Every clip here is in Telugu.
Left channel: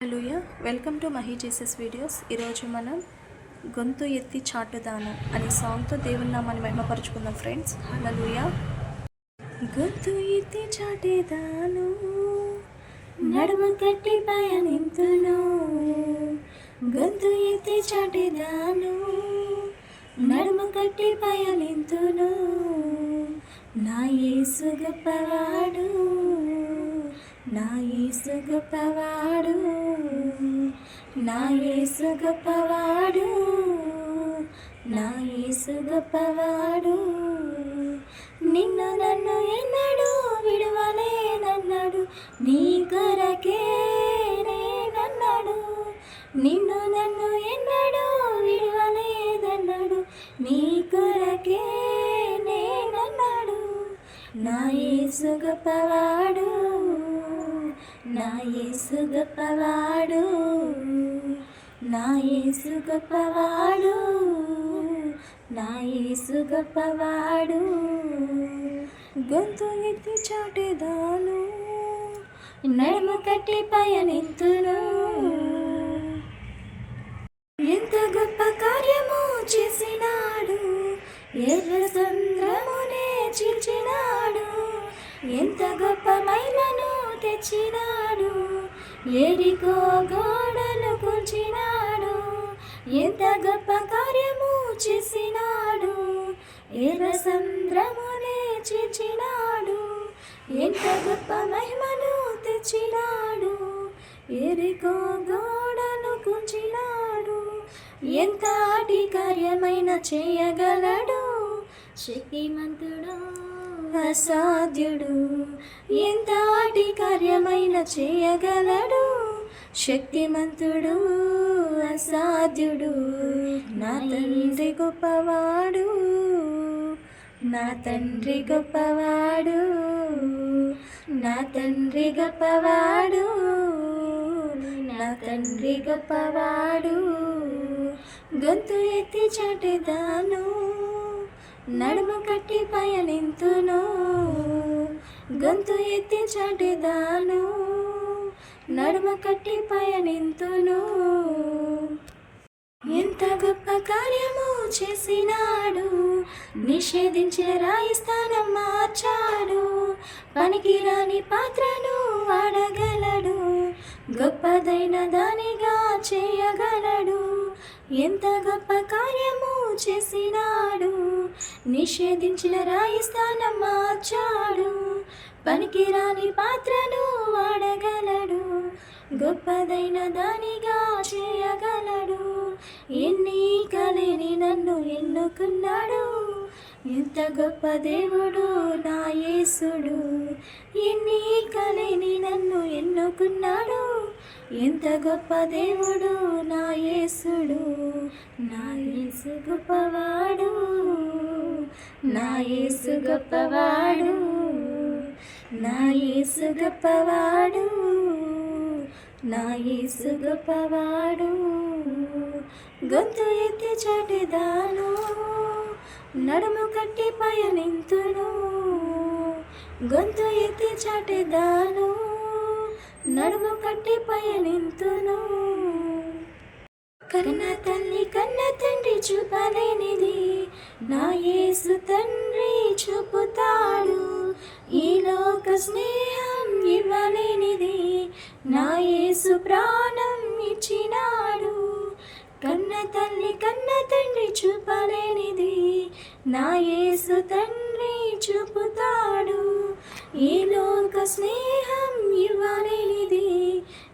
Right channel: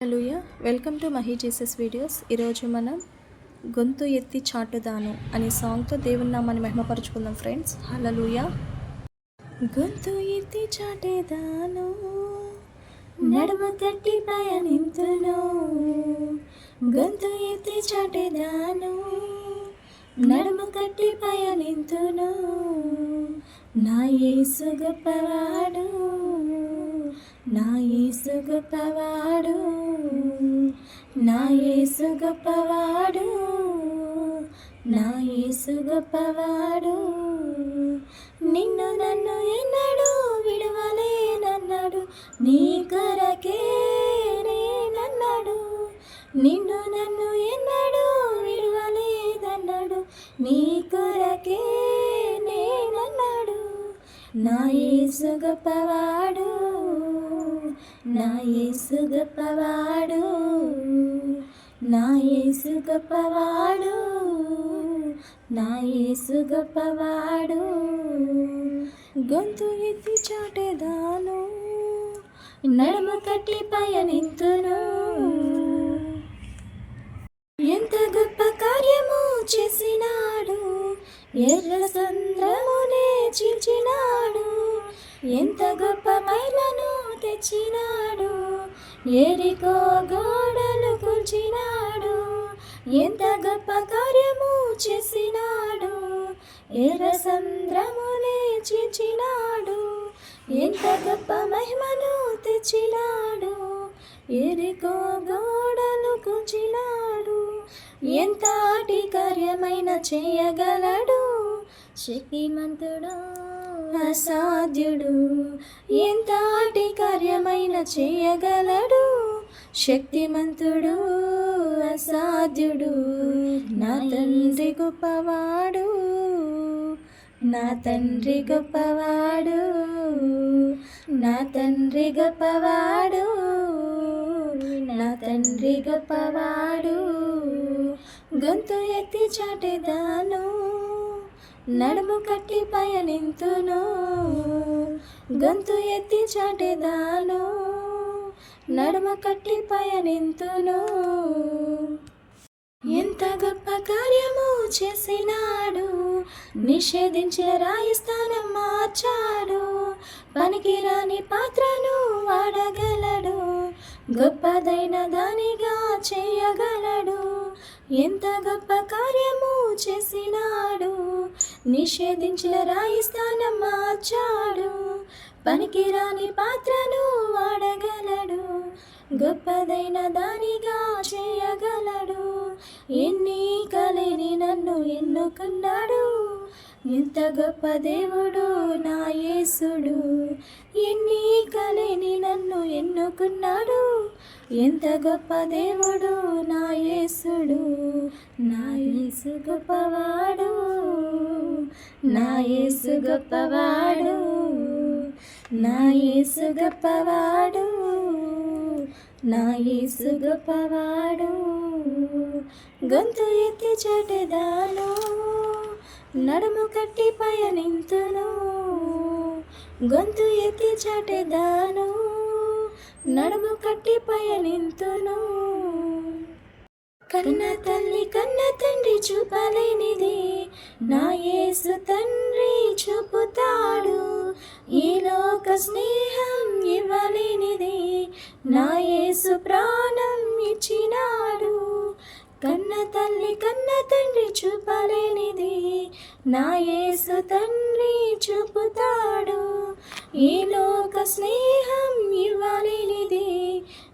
హలోయ welcome to Mahi Jesus videos. ఈరోజు మనం గొంతు ఎత్తి చాటుదాను అనే సాంగ్తో దేవుని నామాన్ని మహిమపరుచుకుందాం ఫ్రెండ్స్. హలలుయ గొంతు ఎత్తి చాటేదాను నడుము కట్టి పయనింతును గొంతు ఎత్తి చాటేదాను నడుము కట్టి పయనింతును నా యేసు గొప్పవాడు. నా యేసు గొప్పవాడు నా యేసు గొప్పవాడు నా యేసు గొప్పవాడు. నిన్ను నన్ను ఎన్నడు విడవలేనన్నాడు నీ కొరకే నేనన్నాడు. నిన్ను నన్ను ఎన్నడు విడవలేదన్నాడు నీ కొరకే నేనన్నాడు. నా యేసు గొప్పవాడు నా యేసు గొప్పవాడు నా యేసు గొప్పవాడు నా యేసు గొప్పవాడు గొంతు ఎత్తి చాటేదాను నడుము కట్టి పయనిత్తును ఎంత గొప్ప కార్యము చేసినాడు ఎర్ర సంద్రమునే చీల్చినాడు. ఎంత గొప్ప మైలను తెచ్చినాడు. ఏరికో గోడలు కూర్చినాడు ఎంత గొప్ప కార్యము చేసినాడు. ఎర్ర సంద్రమునే చేచినాడు ఎంత గొప్ప మహిమను తెచ్చినాడు. ఎరికో గోడను కూర్చినాడు ఎంత ఆటి కార్యమైన చేయగలడు. శక్తిమంతుడు అసాధ్యుడు ఎంతటి కార్యమైన చేయగలడు? శక్తిమంతుడు అసాధ్యుడు. నా తండ్రి గొప్పవాడు నా తండ్రి గొప్పవాడు నా తండ్రి గొప్పవాడు నా తండ్రి గొప్పవాడు. గొంతు ఎత్తి చాటేదాను నడుము కట్టి పయనింతును గొంతు ఎత్తి చాటేదాను. నడుము కట్టి పయనింతును ఎంత గొప్ప కార్యము చేసినాడు. నిషేధించే రాయి స్థానం మార్చాడు. పనికిరాని పాత్రను వాడగలడు. గొప్పదైన దానిగా చేయగలడు. ఎంత గొప్ప కార్యము చేసినాడు? నిషేధించిన రాయి స్థానం మార్చాడు. పనికిరాని పాత్రను వాడగలడు. గొప్పదైన దానిగా చేయగలడు. ఎన్ని కలిని నన్ను ఎన్నుకున్నాడు? ఎంత గొప్ప దేవుడు నా యేసుడు. ఎన్ని కలిని నన్ను ఎన్నుకున్నాడు? ఎంత గొప్ప దేవుడు నా యేసుడు నా యేసు గొప్పవాడు నా యేసు గొప్పవాడు నా యేసు గొప్పవాడు నా యేసు గొప్పవాడు. గొంతు ఎత్తి చాటిదాను నడుము కట్టి పయనింతును. గొంతు ఎత్తి చాటెదాను నడుము కట్టి పయనింతును. కన్న తల్లి కన్న తండ్రి చూపలేనిది. నా యేసు తండ్రి చూపుతాడు. ఈ లోక స్నేహం ఇవ్వలేనిది. నా యేసు ప్రాణం ఇచ్చినాడు. కన్న తల్లి కన్న తండ్రి చూపలేనిది. నా యేసు తండ్రి చూపుతాడు. ఈ లోక స్నేహం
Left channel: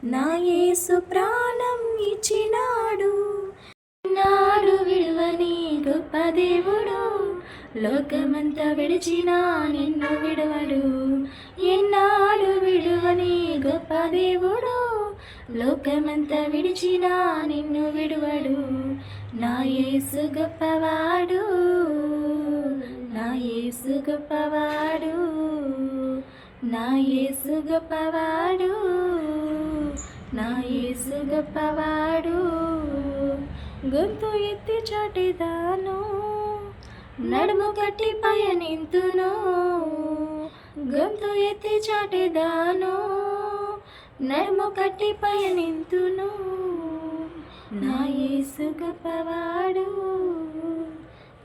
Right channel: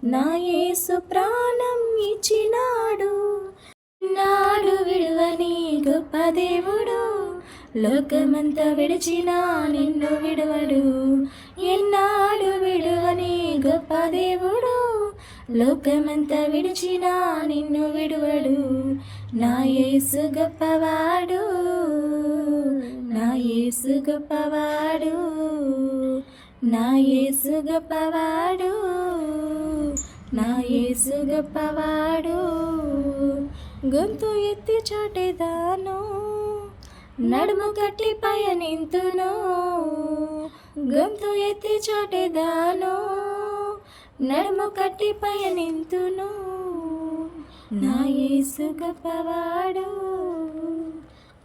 నా యేసు ప్రాణం ఇచ్చినాడు. నాడు విడువని గొప్ప దేవుడు. లోకమంతా విడిచినా నిన్ను విడువడు. ఎన్నాడు విడువని గొప్ప దేవుడు. లోకమంతా విడిచినా నిన్ను విడువడు. నా యేసు గొప్పవాడు. నా యేసు గొప్పవాడు. నా యేసు గొప్పవాడు. నా యేసు గొప్పవాడు గొంతు ఎత్తి చాటేదాను నడుము కట్టి పయనింతును గొంతు ఎత్తి చాటేదాను నడుము కట్టి పయనింతు యేసు గొప్పవాడు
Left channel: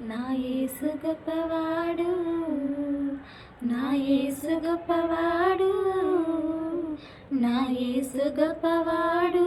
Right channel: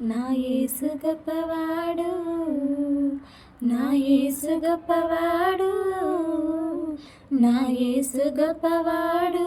నా యేసు గొప్పవాడు నా యేసు గొప్పవాడు. నా యేసు గొప్పవాడు.